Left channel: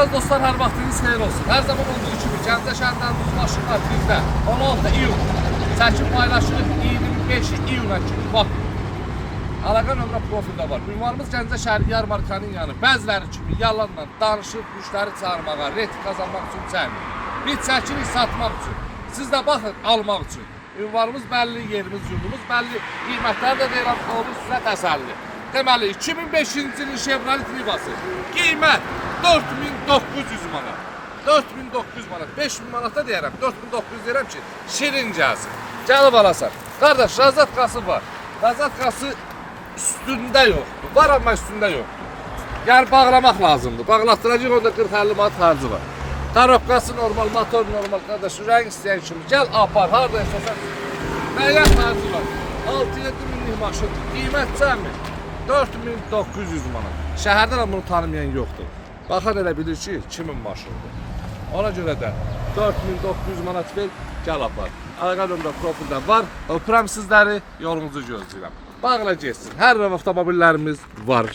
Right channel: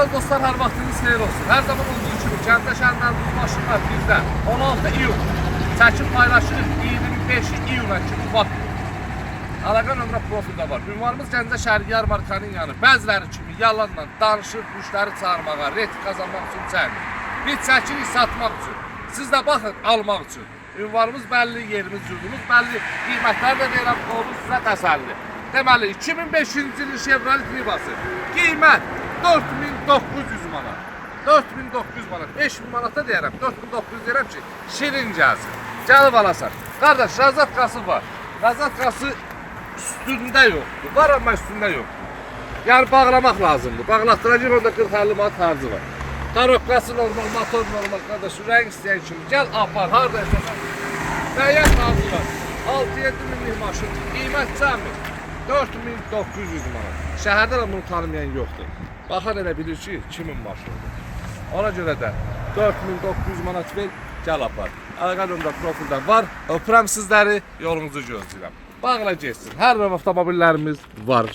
Əziz dostlar, hər vaxtınız xeyir olsun. Hər zaman olduğu kimi Gəncə şəhərindən maşınlar bizdə 16 iyun çəkim paylaşılır 25 iyuna kimi vaxt. Əlaqə nömrə profildə var. Ünvanımız Gəncə şəhəri yarmarkanın yanı. Bəziləri kimi yalanla danışıb müştəri çağırmağa, reyting qazanmaq üçün çəkmir. Biz çəkirik satmaq üçün. Siz də baxın almaq üçün. Ünvanımız bəlli, yerimiz, yurdumuz bəlli. Qiymətləri də deyirəm, olur sizə təsəlli. Deməli 2005-ci ilin Chevrolet Nivası. Qiymət 4900 manat. 4900 manat. 5000 manata deyirəm. 4900 deyirəm ki, şirin gəlsin. Gəlib alasan. Qardaş, rəzatkası var. Rəzatkası üstündə yoxdur. Var amma üstündə yoxdur. Yəni bağlamaq lazımdır. Bağlatdıracaq, orada 40-50 manat harcı var. Tarokqası normal, motor normal. Qardaş, rəng istəyən kimi gəl apar. Harada istəsən. Nəyyət harcı var. 6-7 minlik maşın. Qiymət cəmi 4900 manat. Şəhərdə bunu tanımayan yoxdur. Baxar elə bilir ki, kimin maşınıdır. Ona görə də 4900 manat ver, gəl apar. Əlaqə nömrə profildə var. Öpürəm sizləri, yolunuzu gözləyirəm. Bağla getsin. Hər növ avtomobillərimiz var.